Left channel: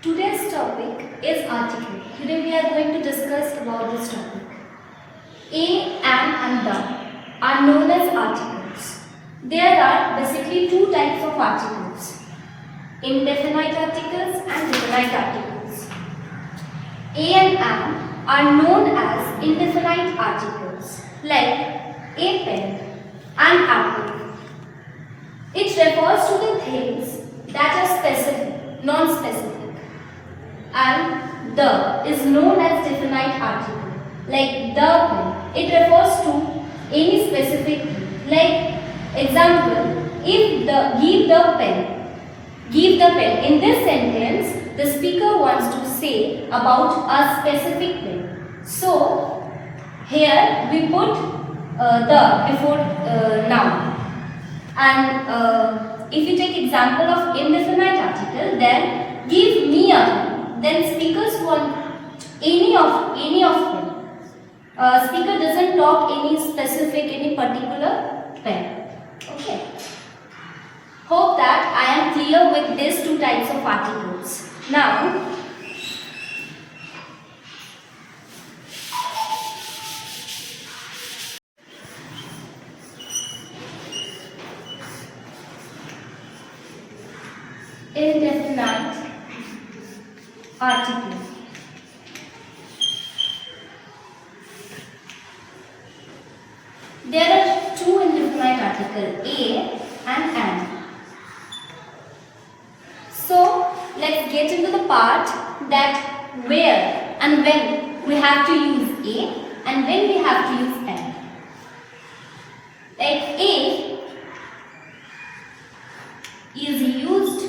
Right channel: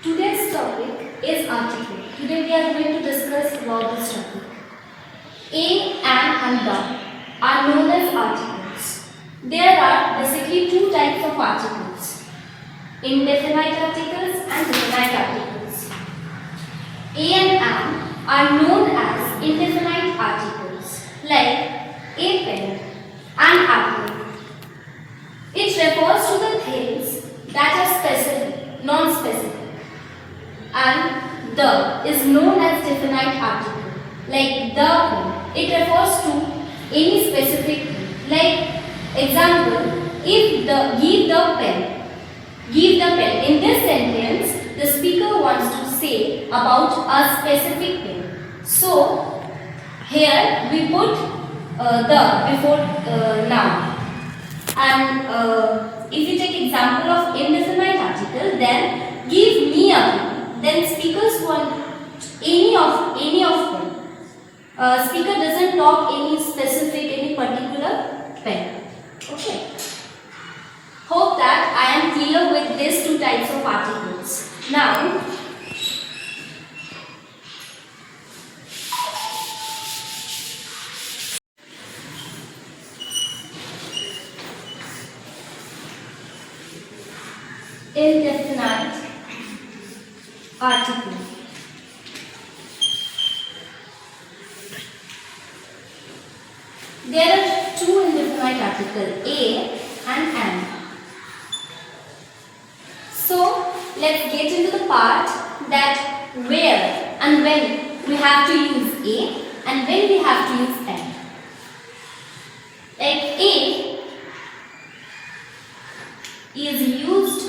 Today's topic is article. Today we are going to discuss about this topic. A, and the are known as articles. There are basically two types of articles: indefinite articles and definite articles. A and an are known as indefinite articles, like a pen, an apple. It refers to the things that are specific, non-specific. And the is known as definite article, like the pen. It refers to any specific thing. Like example, if the give the pen. In this sentence, the speaker wants to say about a specific thing. So here we put the before noun. And if you take example of indefinite article, then give me a pen. Then speakers want any of them. Speaker doesn't talk any specific, any particular pen. Okay. Hope that I am clear with these two types of articles. Now, indefinite article. There are two indefinite articles, a and an. So let's get into the part that where and when we have to use a and when we have to use an. Like a is used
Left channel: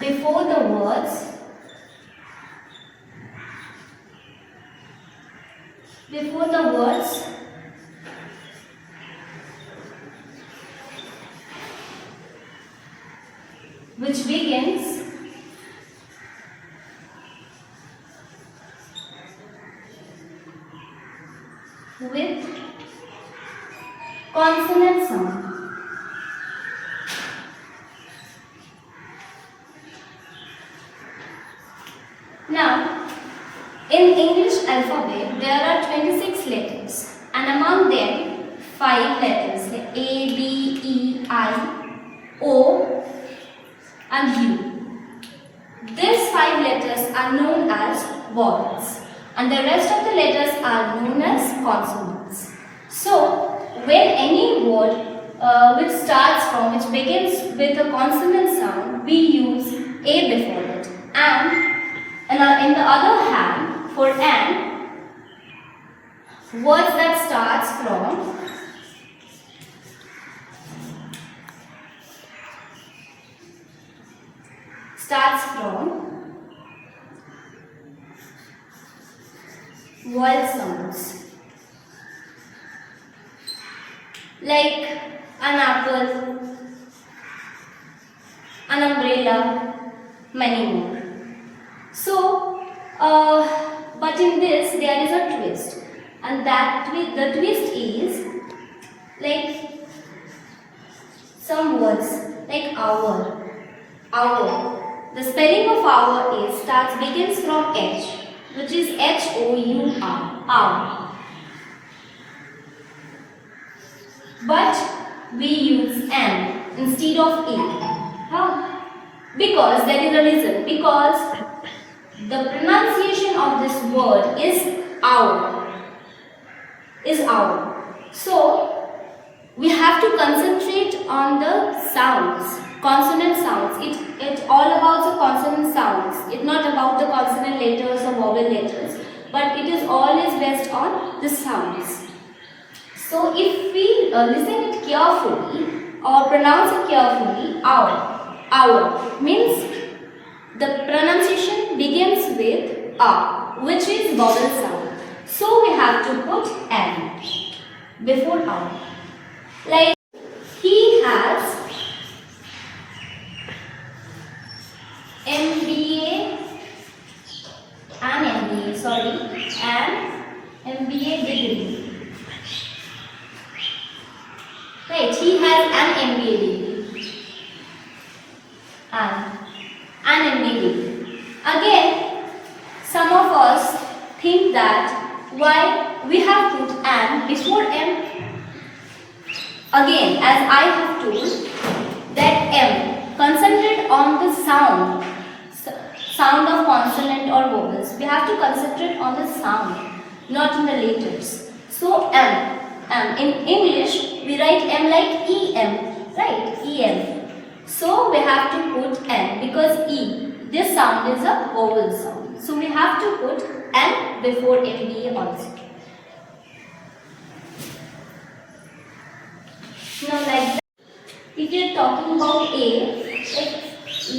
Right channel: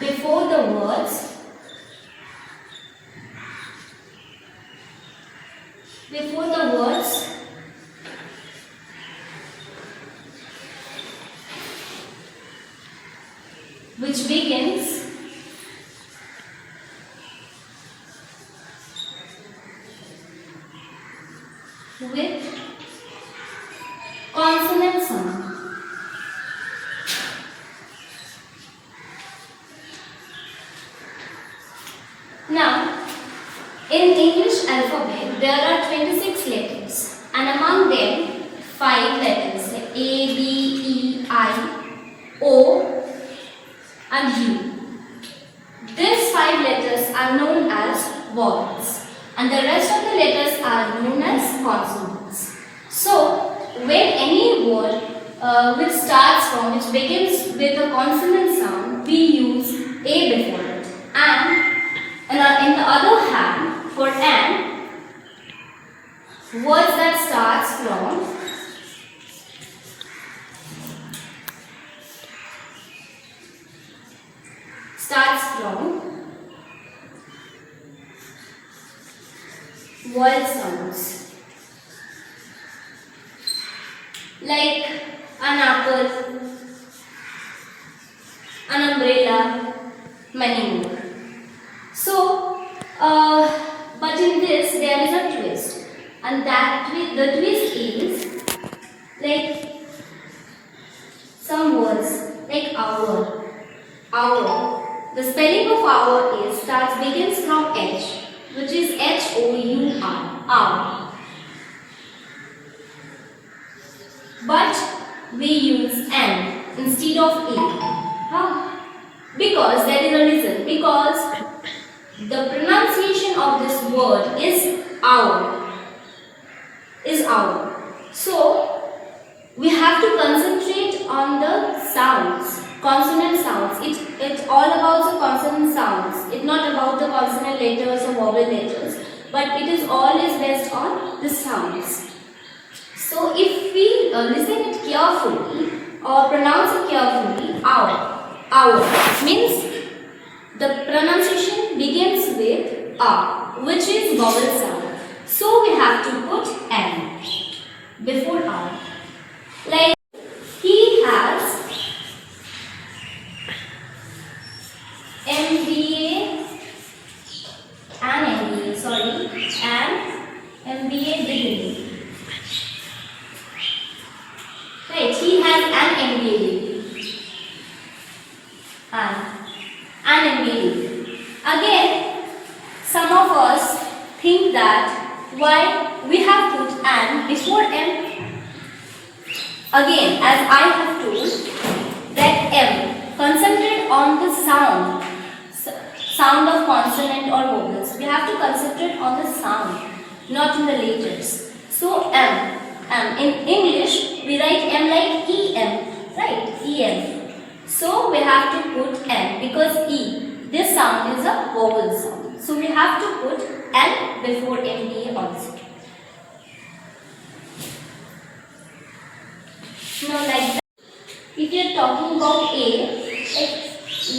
before the words which begins with consonant sound. Now, in English alphabet, there are 26 letters, and among them, 5 letters A, B, E, I, O, and U. These 5 letters are known as vowels, and the rest of the letters are known as consonants. So, when any word which begins with a consonant sound, we use A before it. And in the other hand, for an, words that starts from vowel sounds, like an apple, an umbrella, many more. So, but in this there is a twist, and the twist is like some words like hour. The spelling of hour begins from H, which is H-O-U-R, hour. But we use N instead of A. How? Because there is a reason. Because the pronunciation of this word is hour. So we have to concentrate on the sounds, consonant sounds. It's all about the consonant sounds. It's not about the consonant letters or vowel letters, but it is always based on the sounds. So if we listen it carefully or pronounce it carefully, hour means the pronunciation begins with A, which is vowel sound. So we have to put N before hour. Like he has an MBA degree. Right, he has an MBA degree. And an and made it. Again, some of us think that why we have put an before M. Again, as I have told, that M, concentrate on the sound of consonant or vowels. We have to concentrate on the sound, not in the letters. So M. In English, we write M like EM, right? EM. So we have to put N because E, this sound is a vowel sound. So we have to put N before MBA also. Now like that, if you are talking about A, like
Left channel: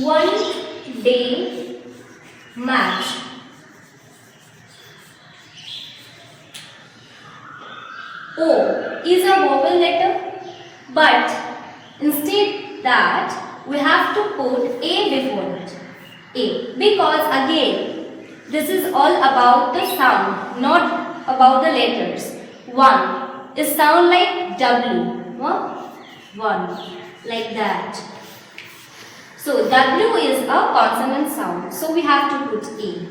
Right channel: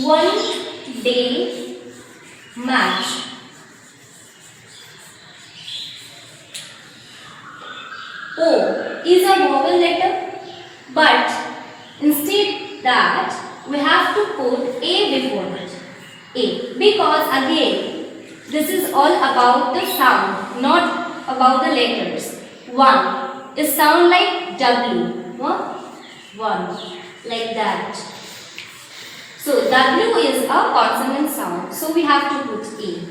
1 day match. O is a vowel letter, but instead that we have to put A before it. A, because again this is all about the sound, not about the letters. 1 is sound like W. 1 like that. So W is a consonant sound, so we have to put A.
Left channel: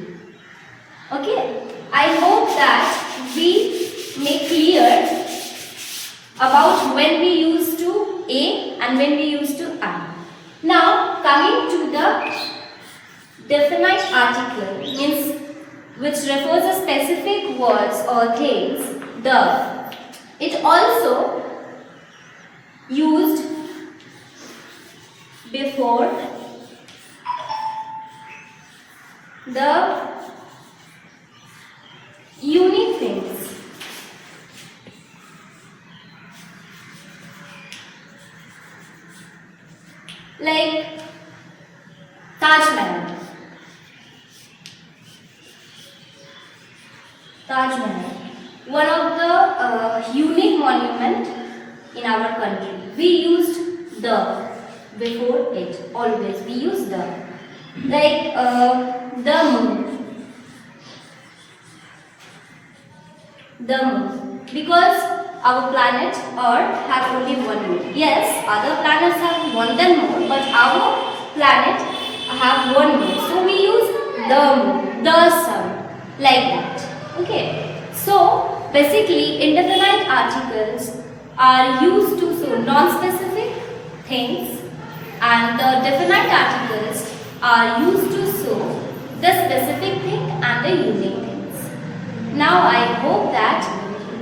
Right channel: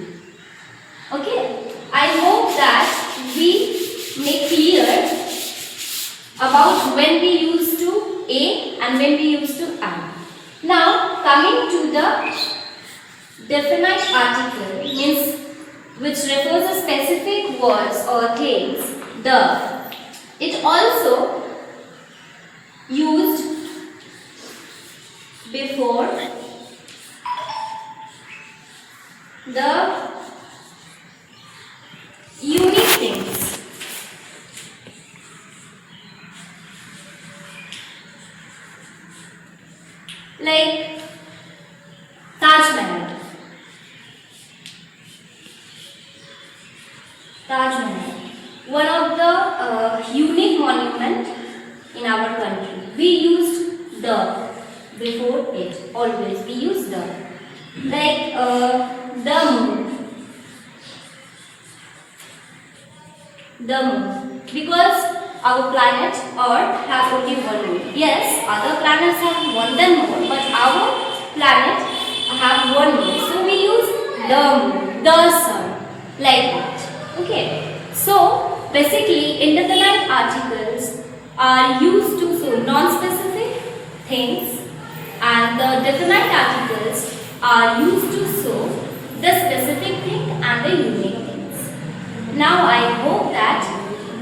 Okay, I hope that we make clear about when we use to A and when we use to I. Now coming to the definite article, means which refers to specific words or things, it also used before the unique things. Like Taj Mahal. Taj Mahal, one of the unique monument in our country. We used the before it, always we use the. Like the moon. The moon, because our planet Earth has only one moon. Yes, other planets have more than moon, but our planet have one moon. So we use the moon, the sun, like that. Okay. So basically, indefinite articles are used to show non-specific things, and the definite articles are used to show the specific thing and the unique things. Now I hope that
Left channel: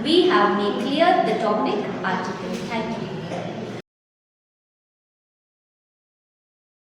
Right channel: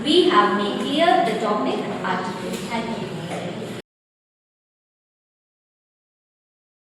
we have made clear the topic article. Thank you.